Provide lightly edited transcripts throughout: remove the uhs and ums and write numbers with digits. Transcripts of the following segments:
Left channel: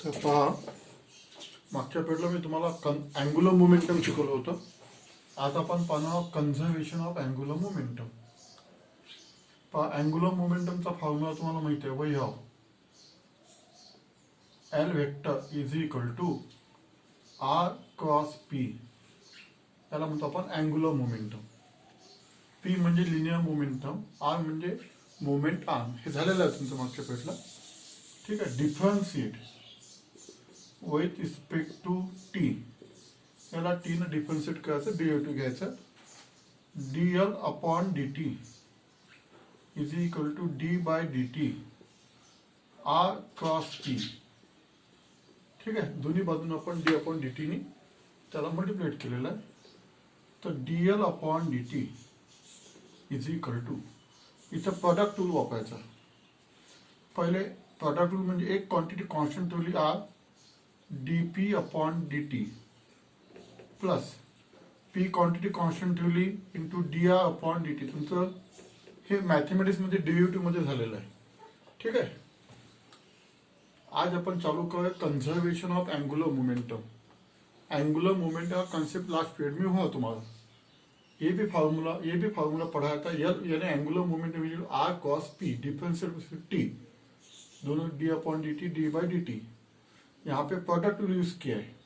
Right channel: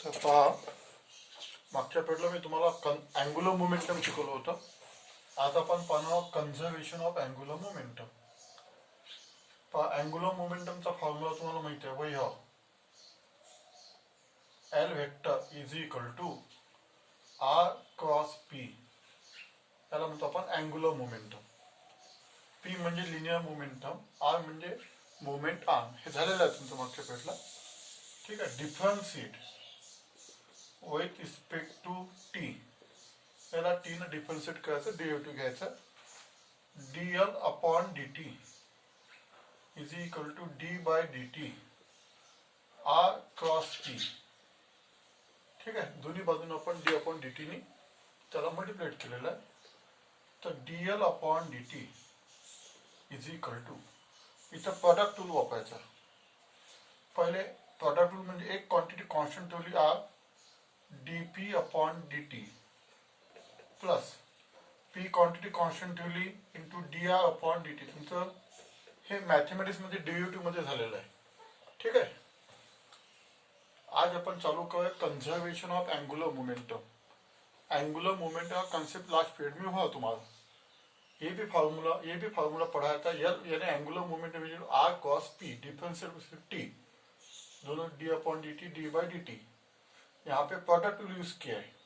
तर पहा, मागच्या पिरियडला मी तुम्हाला अँग्युलर मोमेंटम शिकवलं होतं. आज आपण पाहणार कन्झर्वेशन ऑफ अँग्युलर मोमेंटम. पहा, अँग्युलर मोमेंटमचा फॉर्म्युला तुम्हाला माहिती आहे, वही हा L vector is equal to r cross p. त्याला म्हणतो आपण अँग्युलर मोमेंटम. पी म्हणजे लिनियर मोमेंटम, आर म्हणजे मोमेंट आर्म. हे झालेलं आहे तुमचं मागच्या पिरियडला. ठीक आहे. Differentiate with respect to t. याला टी ने डिफरन्शिएट करायचं, डेरिव्हेटिव्ह घ्यायचं. dl upon dt is equal to d by dt r cross p. ठीक आहे. दोन्ही बाजूने आपण d अपॉन dt ने त्याला मल्टिप्लेट केलेलं आहे. तर dl upon dt is equal to, इथं प्रोडक्ट रूल वापरायचा. पहिले प्रोडक्ट रूल म्हणजे एक क्वांटिटी कॉन्स्टंट ठेवली r, dp upon dt plus p quantity constant ठेवली इंटू dr अपॉन dt. तुमचं हे मॅथमॅटिक्स मध्ये डेरिव्हेटिव्ह मध्ये झालेलं आहे. ठीक आहे. आज आपण चालू करूया conservation of angular momentum. Angular momentum का कॉन्सेप्ट लास्ट पीरियड में हुआ तुम्हारा. ये भी फार्मूला पढ़ाया था. यानी angular momentum r cross p differential 50 दोनों d upon d t d by d t. यहाँ पे प्रोडक्ट यूज किया है.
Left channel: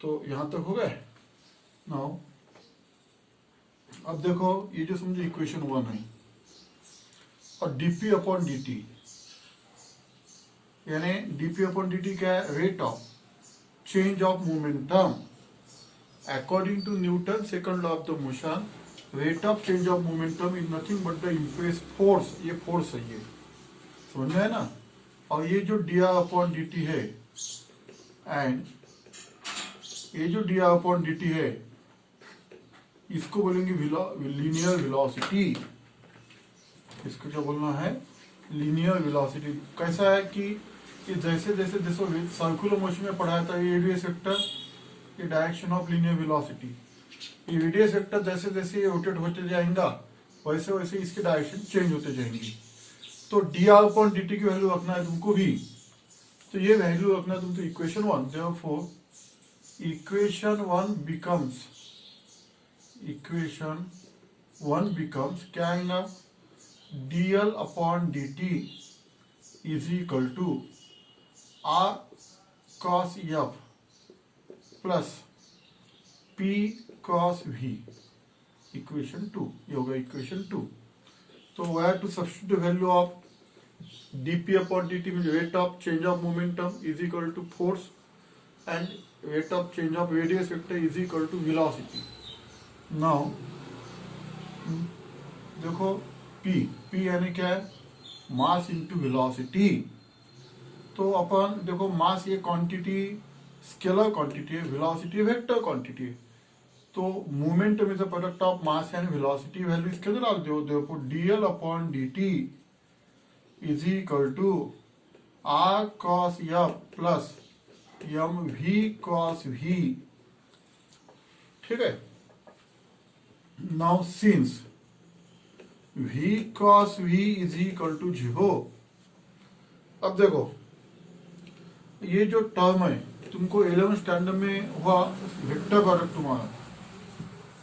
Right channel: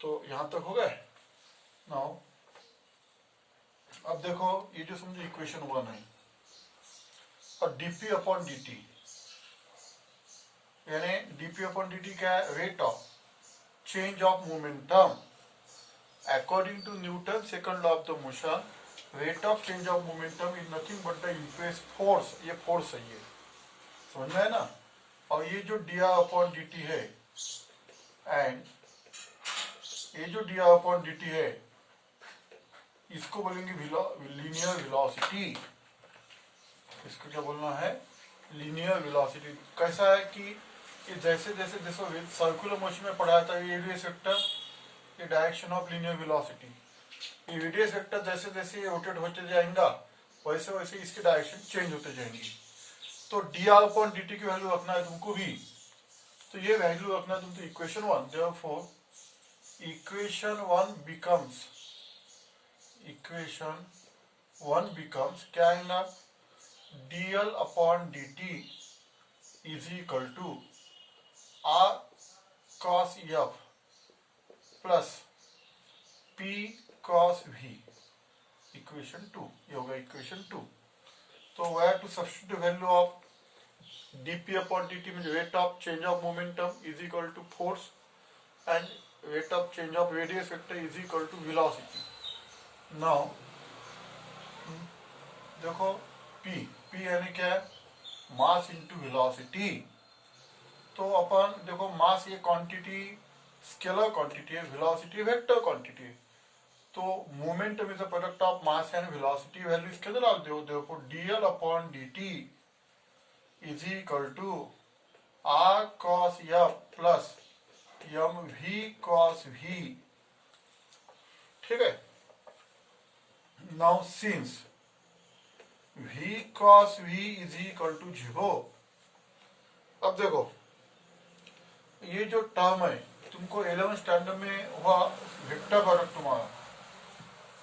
तो यहां तक हो गए. नाउ अब देखो, ये जो समझो इक्वेशन 1 है और डीपी अपॉन डी टी, यानी डीपी अपॉन डी टी क्या है? Rate of change of momentum according to Newton second law of the motion. Rate of change of momentum is nothing but the impress force. ये force है, ये समझ में है ना. और ये जो d r upon d t है एंड ये जो d r upon d t है, इसको बोलेंगे लीनियर वेलोसिटी. इसको क्या बोलना है? Linear velocity. कैसा है कि जैसे जैसे जैसे सर्कुलर मोशन में पढ़ाया था ये रेडियस वेक्टर, ये डायरेक्शन ऑफ लीनियर वेलोसिटी. ये रेडियस वेक्टर जैसे जैसे ये रोटेट होते जाएगा वैसे वैसे इसके डायरेक्शन चेंज होते जाएंगी. तो d r upon d t की वैल्यू रखना है तुमको भी. तो ये वैल्यू रखना है तुमको इक्वेशन 1. देयरफॉर इक्वेशन 1 बिकम्स क्या आएगा? dl upon dt is equal to r cos f plus p cos v. Equation 2 ये होगा इक्वेशन 2. तो we have to substitute value of dp upon dt mean rate of change of momentum is equal to force and rate of change of radius vector is equal to velocity. Now देखो, p यानी क्या है? Mass into velocity. तो अपन देखो, mass ये quantity scalar quantity है, velocity vector quantity है. तो momentum is a product of mass and velocity. Value इसके अंदर डाल दो. देखो dl upon dt is equal to r cos f plus mv cos v. ठीक है. Now since v cos v is equal to 0. अब देखो, ये जो टर्म है तुमको 11th स्टैंडर्ड में हुआ वेक्टर प्रोडक्ट. तुम्हारा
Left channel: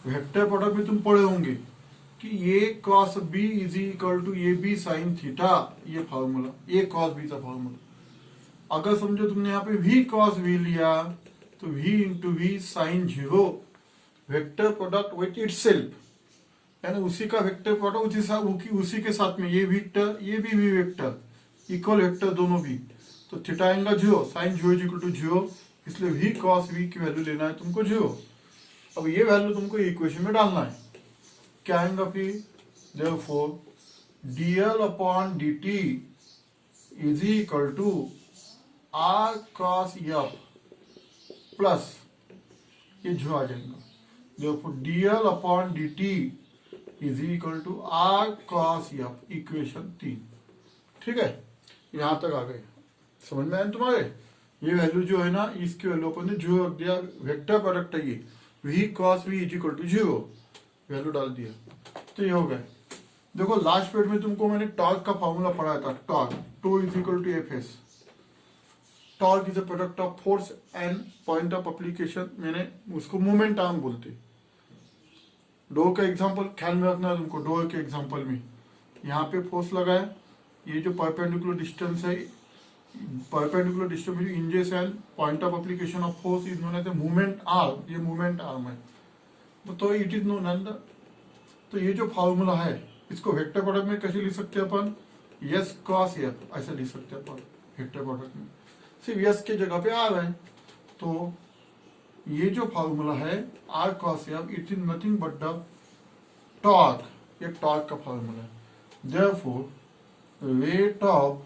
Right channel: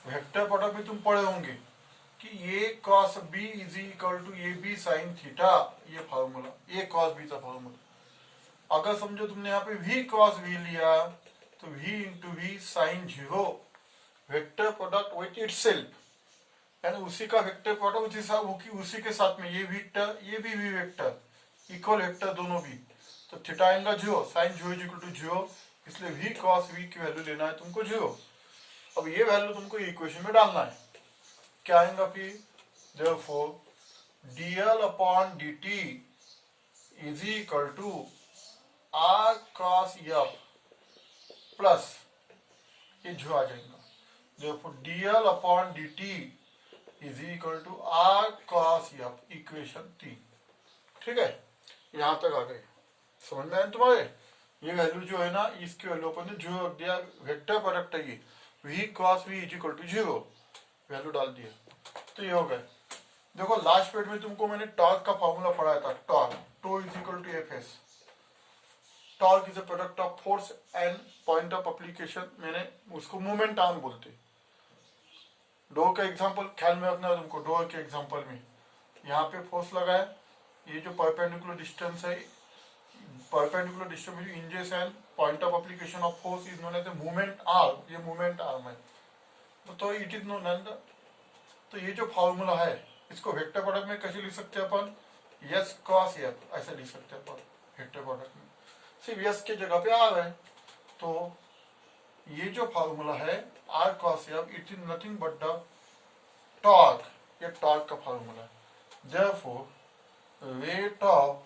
वेक्टर प्रोडक्ट में तुम पढ़े होंगे कि ये cos b is equal to A B sine theta. ये फॉर्मूला, ये cos b का फॉर्मूला. अगर समझो तुमने यहाँ पे v cos v लिया तो v into V sine 0. Vector product with itself, यानी उसी का वेक्टर प्रोडक्ट उसी के साथ में ये वेक्टर, ये भी वी वेक्टर, इक्वल वेक्टर दोनों भी. तो थीटा आएगा 0, साइन 0 इज इक्वल टू 0. इसलिए v cos v की वैल्यू लेना है तुमको 0. अब ये वैल्यू तुमको इक्वेशन में डालना है. क्या आएगा फिर? Therefore dl upon dt is equal to r cos f plus ये जो आ जाएगा. Therefore dl upon dt is equal to r cos f. Equation 3. ठीक है. यहां तक आ गए. समझ में आए तुम्हारे? ये वैल्यू जो है ना, इसकी वैल्यू अपन ने जो रख दिया, वेक्टर प्रोडक्ट है ये, v cos v is equal to 0. Value डाल दिया. तो ये हो गए. देखो, लास्ट पीरियड में तुमको मैंने टॉर्क का फॉर्मूला पढ़ाया था. Torque tau is equal to F S. Torque is a product of force and point of application, मैंने उसको मूवमेंट आर्म बोलते। डोर का एग्जांपल ख्याल में रखना है तुमको। डोर के एग्जांपल में यहाँ पे फोर्स लगा है, ये जो परपेंडिकुलर डिस्टेंस है, perpendicular distance inches and point of application of force is known as movement arm, ये मूवमेंट आर्म है। तो इट इज नोन एज, तो ये जो फॉर्मूला है इसको वेक्टर प्रोडक्ट में कैसे लिख सकते हैं अपन, यस क्रॉस एफ ऐसा लिख सकते हैं अपन वेक्टर प्रोडक्ट में, सिर्फ यस के जगह पे आर है। तो ये जो फॉर्मूला है R cross F, it is nothing but the torque, ये टॉर्क का फॉर्मूला है। Therefore rate of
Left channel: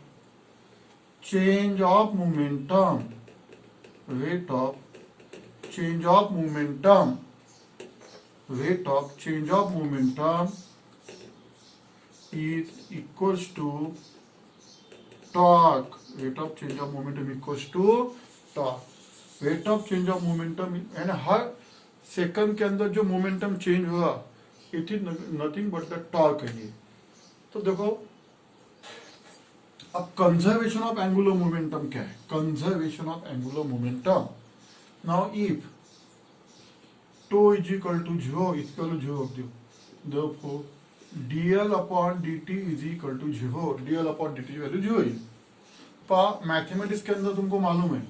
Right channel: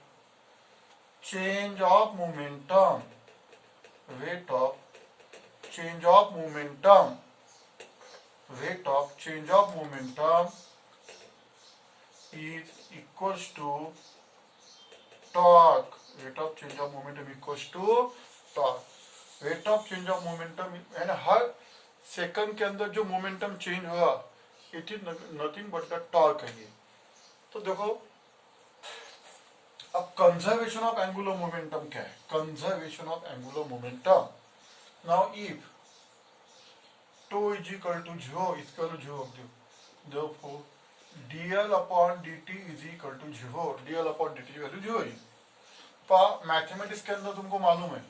change of momentum, rate of change of momentum, rate of change of momentum is equals to torque, rate of change of momentum equals to torque, rate of change of momentum यानी हर second के अंदर जो momentum change हुआ it is nothing but the torque है ये। तो देखो अब conservation of angular momentum क्या है, conservation of angular momentum. Now if tau is equal to 0 इसका वैल्यू 0 रख दो, therefore dl upon dt is equal to 0, dl upon dt की वैल्यू 0 है। पर मैथमेटिक्स के अंदर तुमको मालूम है,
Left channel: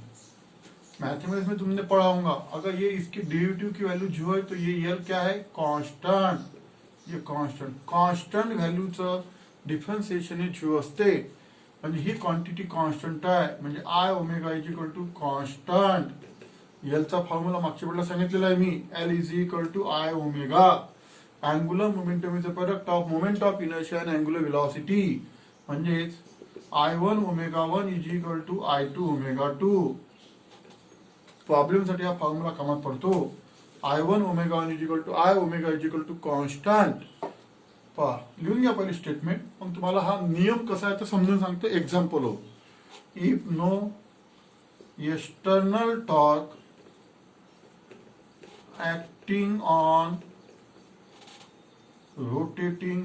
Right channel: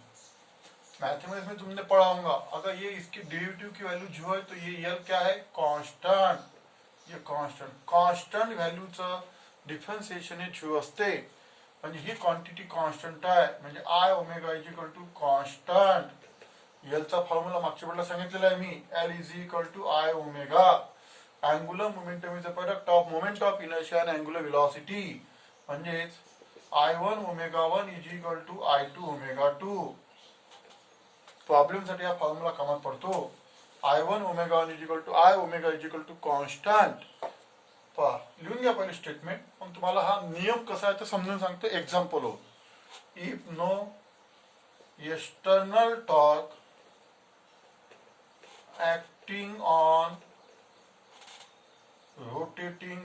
मैथमेटिक्स में तुमने पढ़ा होगा, अगर ये इसकी डेरिवेटिव की वैल्यू 0 है तो ये l क्या है, कांस्टेंट, ये कांस्टेंट, कांस्टेंट व्हॅल्यूचं डिफरन्शिएशन हे 0 असते, म्हणजे ही क्वांटिटी कॉन्स्टंट आहे, म्हणजे I omega is equal to constant. एलचा फॉर्म्युला मागच्या वेळेला सांगितलेला आहे मी, L is equal to I omega, angular momentum is a product of moment of inertia and angular velocity, म्हणजेच I1 omega 1 is equal to I2 omega 2। Problem साठी हा formula कामात पडतो। I1 omega 1 is equal to I omega is equal to constant. लिहून घ्या पहिले statement, पण तुम्हाला हा नियम कसा आहे ते समजून सांगतो एक्झाम्पल हो। If no external torque acting on rotating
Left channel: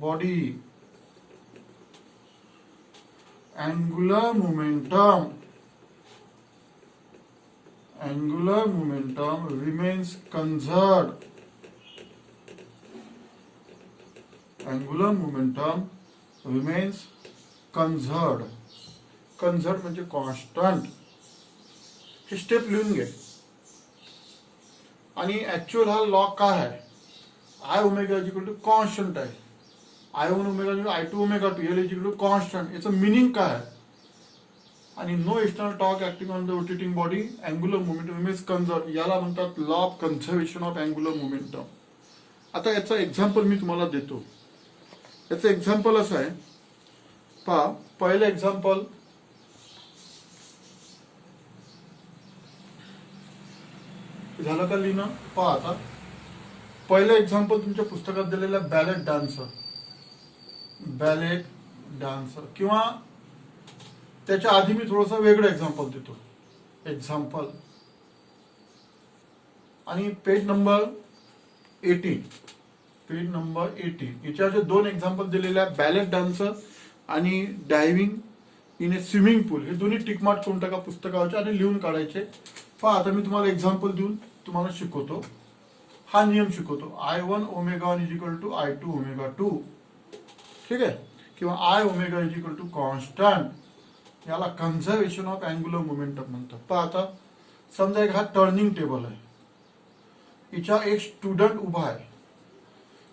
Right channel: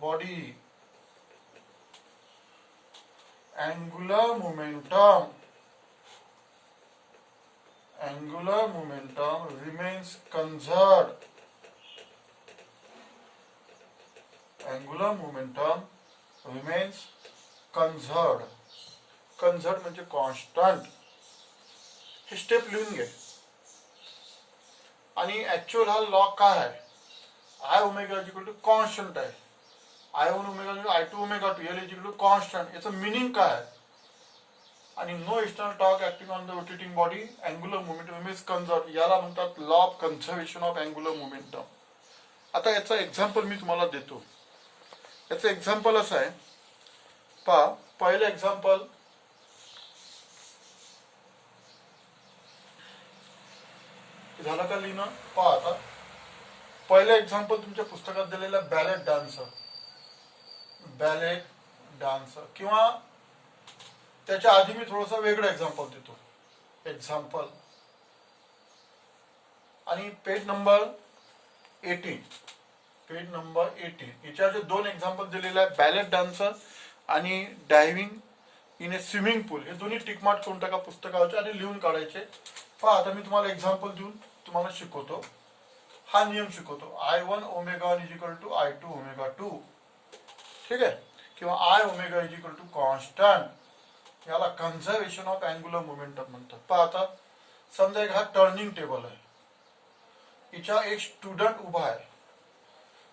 body, angular momentum remains conserved, angular momentum remains conserved, conserved म्हणजे कॉन्स्टंट। हे स्टेप लिहून घे। आणि ऍक्च्युअल हा लॉ काय आहे, I omega is equal to constant आहे, I1 omega I2 omega 2 L is equal to constant, याचं मिनिंग काय आहे, आणि no external torque acting on the rotating body angular momentum remains conserved, याला म्हणतात law of conservation of angular momentum. आता याचा example मी तुम्हाला देतो। याचं एक्झाम्पल असं आहे, पहा पहिलं एक्झाम्पल, झालं का लिहिणं, पहा आता पहिलं एक्झाम्पल तुमच्या पुस्तकात दिलेलं बॅलेट डान्सर, बॅलेट डान्सर, किंवा त्याच्या आधी मी थोडंसं वेगळं एक्झाम्पल देतो, एक्झाम्पल, आणि पेज नंबर 18, पेज नंबर 18 याच्यावर दोन एक्झाम्पल दिलेले आहेत, बॅलेट डान्सर आणि डायव्हिंग इन ए स्विमिंग पूल, हे दोन्ही टिकमार्क करून टाका पुस्तकावरचे आणि लिहून काढायचे। पहा आता मी तुम्हाला एक्झाम्पल देऊन तुम्हाला शिकवतो, हा नियम शिकवतो, I1 omega 1 is equal to I2 omega 2, ठीक आहे, किंवा I omega is equal to constant, याला कन्झर्वेशन ऑफ अँगुलर मोमेंटम म्हणतात। पहा आता समजा एक हा टर्निंग टेबल आहे, हिच्या एक स्टुडंट उभा आहे,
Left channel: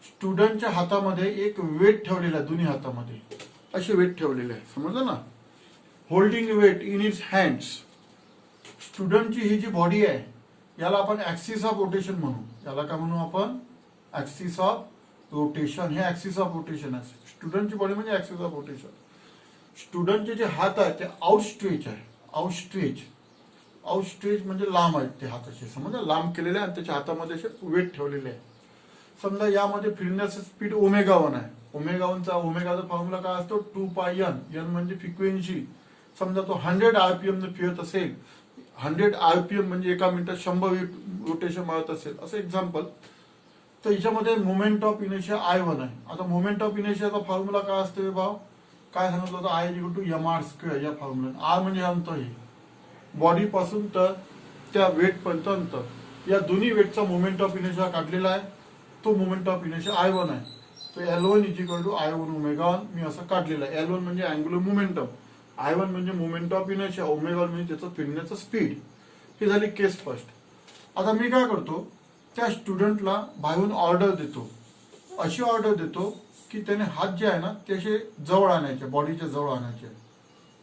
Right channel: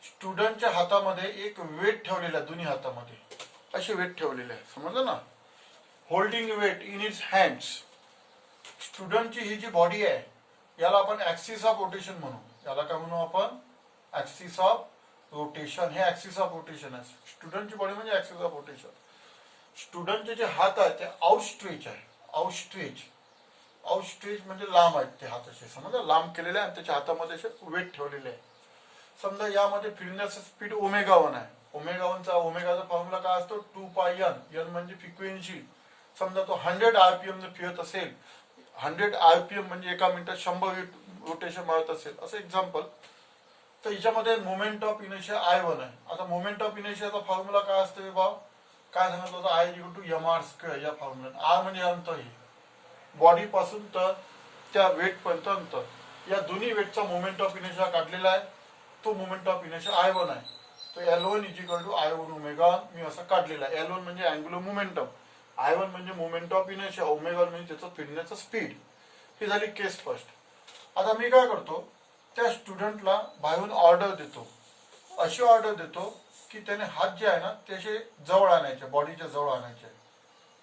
स्टुडंटच्या हातामध्ये एक वेट ठेवलेला आहे, दोन्ही हातामध्ये असे वेट ठेवलेले आहे, समजलं ना, holding weight in its hands. स्टुडंटची ही जी बॉडी आहे याला आपण ऍक्सिस ऑफ रोटेशन म्हणू, याला काय म्हणू आपण, ऍक्सिस ऑफ रोटेशन, हे ऍक्सिस ऑफ रोटेशन आहे, स्टुडंटची बॉडी म्हणजे ऍक्सिस ऑफ रोटेशन। स्टुडंटचे जे हात आहेत ते आउटस्ट्रेच आहे, आउटस्ट्रेच, आउटस्ट्रेच म्हणजे लांब आहेत ते हात असे, समजा लांब केलेले आहे आणि त्याच्या हातामध्ये असे वेट ठेवलेले आहे। समजा यामध्ये फिरण्याचं स्पीड ओमेगा 1 आहे, ओमेगा 1 चा ओमेगाचा फॉर्म्युला काय असतो, 2 पाय n, n म्हणजे फ्रिक्वेन्सी। समजा तो 100 आरपीएम ने फिरत असेल, 100 आरपीएम म्हणजे एका मिनिटात 100 रोटेशन मारत असेल, असं एक्झाम्पल, तर याच्यामध्ये मोमेंट ऑफ इनर्शिया I1 आहे। आता मोमेंट ऑफ इनर्शियाचा फॉर्म्युला काय असते भाव, काय सांगितलं होतं, I equal to M R square या फॉर्म्युला. आर म्हणजे अंतर हे बॉडी पासून तर त्या वेट पर्यंत अंतर. या दोन्ही वेटचा मोमेंट ऑफ इनर्शिया काढलेला आहे. तो मोमेंट ऑफ इनर्शिया I1 आहे. तर L1 is equal to I1 omega मी असं काढलेला आहे. L1 म्हणजे अँग्युलर मोमेंटम, I1 म्हणजे मोमेंट ऑफ इनर्शिया, ओमेगा म्हणजे त्याचं फिरण्याचं स्पीड. ही झाली केस फर्स्ट. आता मी काय करतो, त्या स्टुडंटला बाहेरून ऑर्डर देतो. अशी ऑर्डर देतो की त्याने हात जे आहे ना ते असे जवळ आणायचे, बॉडीच्या जवळ आणायचे.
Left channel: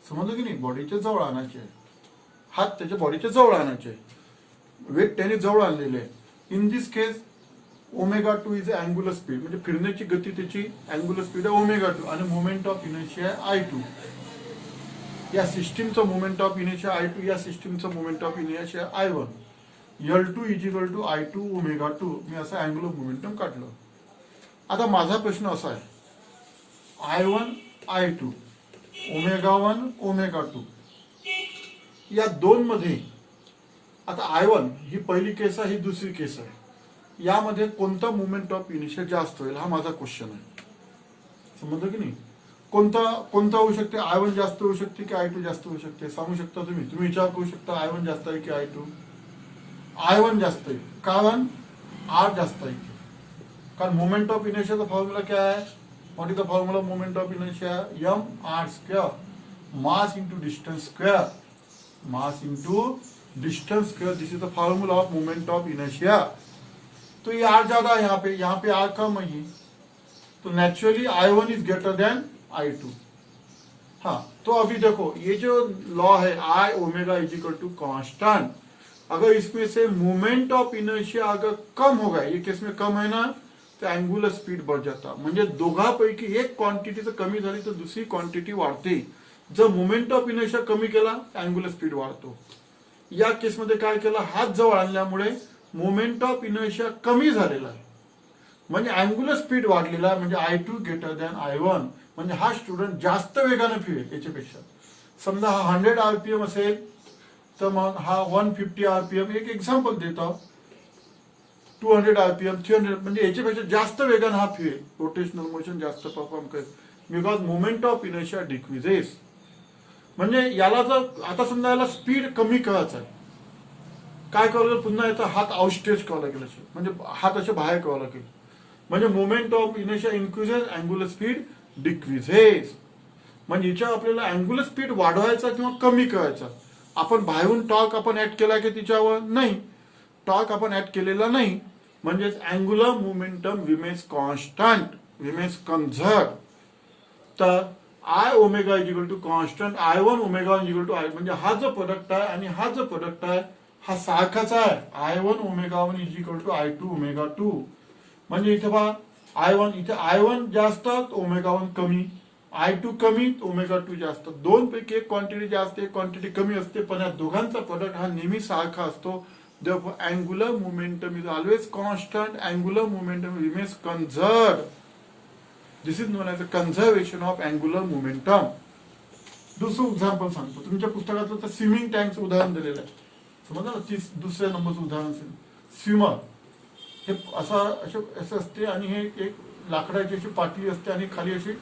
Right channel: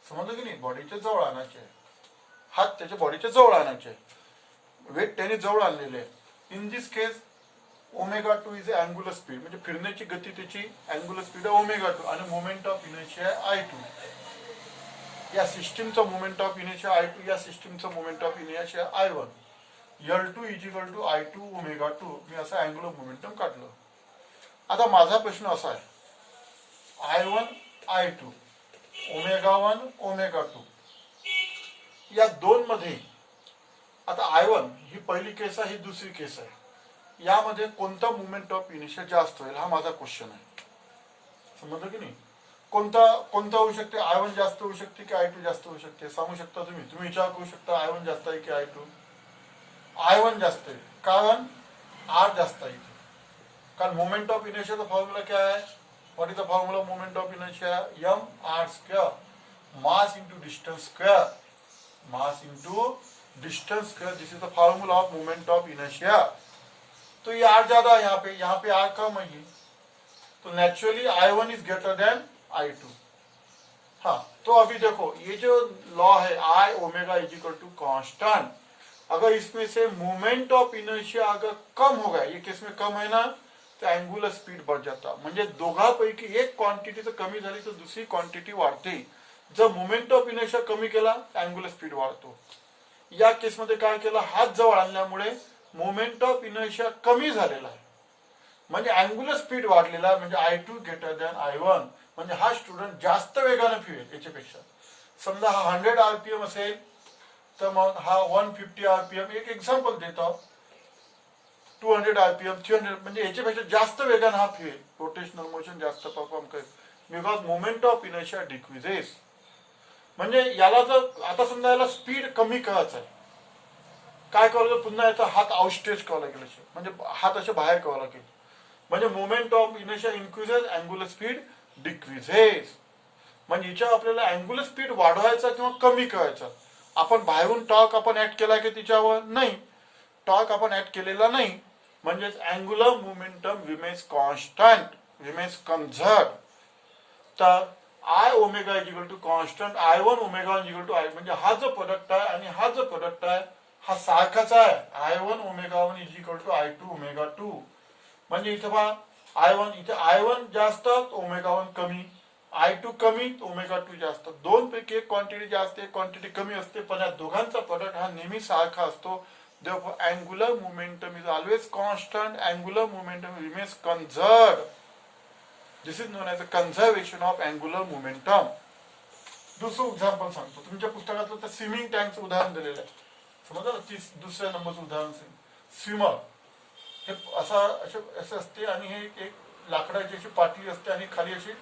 समजलं की नाही, बॉडीच्या जवळ आणायचे, हात त्याच्या बॉडीच्या जवळ आणायचे. वेट त्याने जवळ आणलेले आहे. In this case omega 2 is angular speed, म्हणजे फिरण्याची गती त्याची अँग्युलर स्पीड आहे ओमेगा 2 आणि मोमेंट ऑफ इनर्शिया I2. या सिस्टीमचं मोमेंट ऑफ इनर्शिया I2, या सिस्टीमचं moment of inertia I1. L2 is equal to I2 omega 2 मी असं अँग्युलर मोमेंटम काढलं. आता माझा प्रश्न असा आहे, I1 I2 ओमेगा 1 ओमेगा 2 या दोन मध्ये आता I1 ही पहिली केस आहे, ही दुसरी केस आहे. यामध्ये कोणता मोमेंट ऑफ इनर्शिया जास्त होईल हा माझा क्वेश्चन आहे. समजलं की नाही, कोणता होऊ शकते, I1 जास्त होऊ शकते की I2 जास्त होऊ शकते, सांगू शकता तुम्ही विचार करू शकता. I1 जास्त आहे की I2? I1 जास्त आहे, कारण R जास्त आहे. कारण मोमेंट ऑफ इनर्शियाचा फॉर्म्युला क्या है, what is the formula moment of inertia, M R square mass into distance square, mass into distance square. This is the formula of moment of inertia. तो ये आर ज्यादा है यहाँ पे आर कम है, तो naturally I1 is greater than I2. हाँ, तो अभी देखो ये जो लॉ है I omega is equal to constant, अगर इसमें से मोमेंट ऑफ इनर्शिया अगर कम होगा, ये केस में कम है ना, तो अँग्युलर स्पीड बढ़ जाता. म्हणजे दोघांपैकी एक क्वांटिटी जर कमी झाली तर दुसरी क्वांटिटी वाढते. जर मोमेंट ऑफ इनर्शिया कमी केला अँग्युलर स्पीड वाढतो. या केसमध्ये काय केलं, हात जवळ आणल्यामुळे मोमेंट ऑफ इनर्शिया कमी झालेला आहे, म्हणजे अँग्युलर स्पीड वाढलेला आहे, म्हणजे I2 ग्रेटर दॅन I1. म्हणजे हा स्टुडंट जास्त वेगाने फिरेल याच्यापेक्षा. समजा हा 100 RPM असेल तर मग हा 150 RPM, एक एक्झाम्पल देतो, 200 RPM 300, म्हणजे याच्यापेक्षा जास्त वेगाने हा फिरेल, रोटेशनल मोशन जास्त परफॉर्म करेल, because moment of inertia decreases. म्हणजे याला जर आता समजा याला स्पीड कमी करायचं आहे, काय करावं, पुन्हा याचा हात आउटस्ट्रेच करावा लागेल, म्हणजे हात असे बाहेर करावा लागेल. म्हणजे moment of inertia increases, angular speed decreases. म्हणजे याच्या आपल्याला अँग्युलर स्पीड वाढवायचा किंवा कमी करायचा. आपण बाहेरून टॉर्क आपण ऍड केला की तिच्यावर नाही, टॉर्क आपण ऍड केलेला नाही, म्हणजेच angular momentum remains constant, remains conserved. तर I omega is equal to constant, I1 omega is equal to I, म्हणजे हा जो प्रोडक्ट आहे आणि हा जो प्रोडक्ट आहे हा सारखाच आहे. I1 omega 1 is equal to I2 omega 2. म्हणजे इथे पहा I1, इथे I1 जास्त ओमेगा 1 कमी, I2 कमी ओमेगा 2 जास्त. दोन पैकी एक क्वांटिटी जास्त एक क्वांटिटी कमी असते, पण या दोघांचा प्रोडक्ट हा नेहमी सारखा असतो. Therefore, angular momentum is always constant. Angular momentum remains conserved. This is known as a conservation of angular momentum. दुसरं एक्झाम्पल सांगतो, तुमच्या पुस्तकातलं तर स्विमिंग टँकचं उदाहरण दिलेलं आहे. समजा दुसऱ्या नंबरचं उदाहरण स्विमर. हे असं असते आणि हे एक लाकडाची अशी पाटली असते आणि खाली अशी,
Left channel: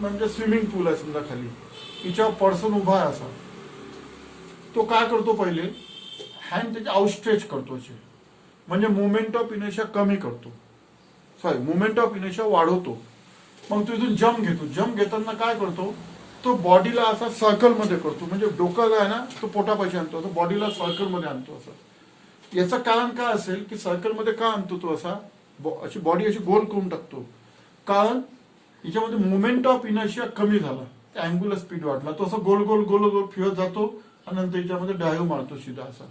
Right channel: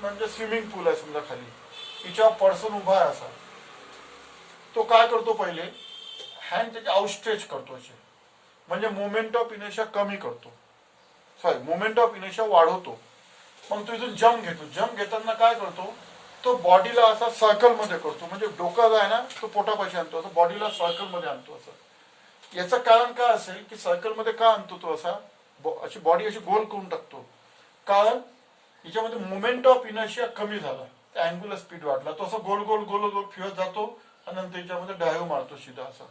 म्हणजे स्विमिंग पूल आहे समजा खाली, हिच्यावर पर्सन उभा आहे असा. तो काय करतो, पहिले हँड त्याचे आउटस्ट्रेच करतो असे, म्हणजे मोमेंट ऑफ इनर्शिया कमी करतो, मोमेंट ऑफ इनर्शिया वाढवतो. मग तो इथून जम्प घेतो. जम्प घेताना काय करतो, तो बॉडीला असा सर्कल मध्ये करतो, म्हणजे डोका जो आहे ना तो पोटापाशी आणतो, असं बॉडीला सर्कल मध्ये आणतो. असं याचं कारण काय असेल की सर्कल मध्ये का आणतो तो असा, अशी बॉडी अशी गोल करून टाकतो, कारण याच्यामध्ये मोमेंट ऑफ इनर्शिया कमी झाला, अँग्युलर स्पीड वाढला, तो असं गोल गोल गोल गोल फिरत जातो आणि नंतर याच्यामध्ये डायव्ह मारतो सीधा असा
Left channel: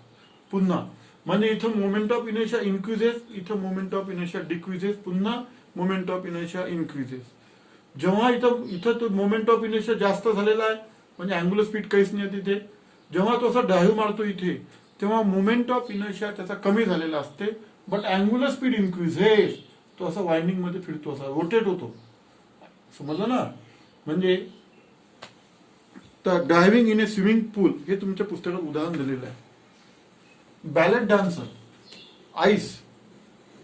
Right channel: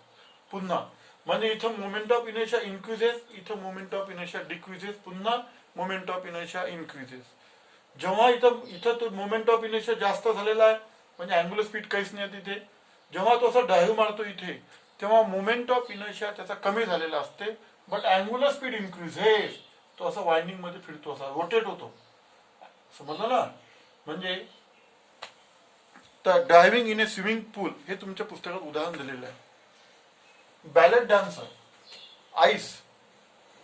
पुन्हा. म्हणजे इथं मोमेंट ऑफ इनर्शिया इन्क्रीजेस, इथं मोमेंट ऑफ इनर्शिया डिक्रीजेस, पुन्हा मोमेंट ऑफ इनर्शिया इन्क्रीजेस. जेव्हा इथं तो मोमेंट ऑफ इनर्शिया जास्त झालेला आहे, म्हणजे अँग्युलर स्पीड काहीच नाही तिथे, जेव्हा तो असा डायव्ह मारतो इथे, तेव्हा मोमेंट ऑफ इनर्शिया त्याचा कमी झालेला असते, बट अँग्युलर स्पीड इन्क्रीजेस. तो असा वाइंडिंग मध्ये फिरतो, असा रोटेट होतो. समजलं ना. म्हणजे डायव्हिंग इन ए स्विमिंग पूल हे तुमच्या पुस्तकात उदाहरण दिलेलं आहे. बॅलेट डान्सर, आईस,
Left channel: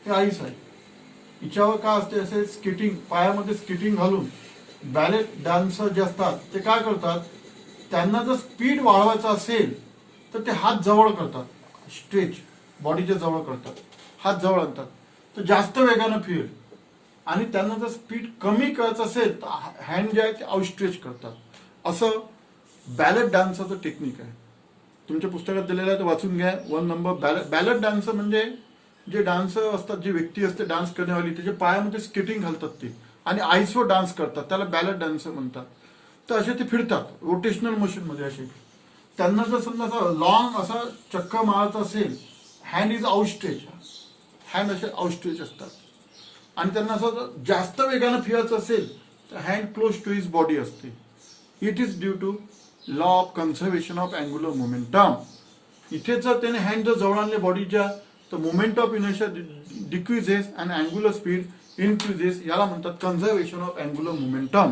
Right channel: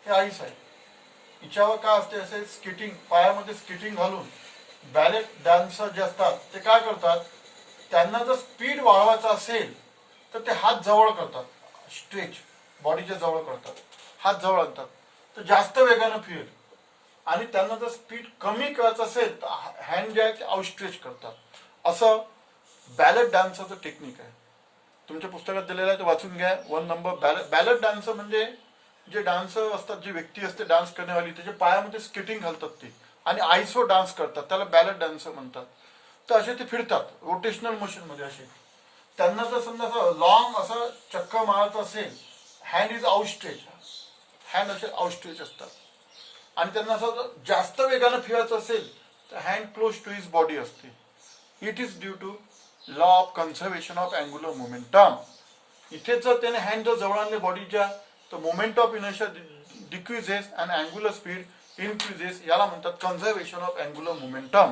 हे आईस आहे, हिच्यावर काय असते, असे स्केटिंग, पायामध्ये स्केटिंग घालून बॅले डान्सर जे असतात ते काय करतात, त्यांना जर स्पीड वाढवायचा असेल तर ते हात जवळ करतात, स्ट्रेच बॉडीच्या जवळ करतात, हात जवळ आणतात तर जास्त वेगानं फिरेल. आणि त्यांना जर स्पीड कमी करायचं असेल तर हँड जे आहे ते आउटस्ट्रेच करतात. असं बॅलेट डान्सरचं टेक्निक आहे. तुमच्या पुस्तकात दिलेलं आहे ते वाचून घ्या. 1 नंबर बॅलेट डान्सर म्हणजे जे डान्सर असतात, जी व्यक्ती असते डान्स करण्यावाली, त्याच्या पायामध्ये स्केटिंग घालतात ते आणि आईसवर डान्स करतात, त्याला बॅलेट डान्सर म्हणतात. तर असे ते फिरतात रोटेशनल मोशन मध्ये असे. त्यांना जर समजा असं लॉंग असं चक्कर मारायचं असेल, हँड इज आउटस्ट्रेच, हँड असे आउटस्ट्रेच असतात. आणि त्यांना असं जास्त वेगानं फिरायचं असेल तर hand close to his body असते. It is due to law of conservation of angular momentum. इथे जर त्याने हँड जर जवळ आणले बॉडीच्या तर moment of inertia decreases and angular speed increases. याला म्हणतात कन्झर्वेशन ऑफ अँग्युलर मोमेंटम.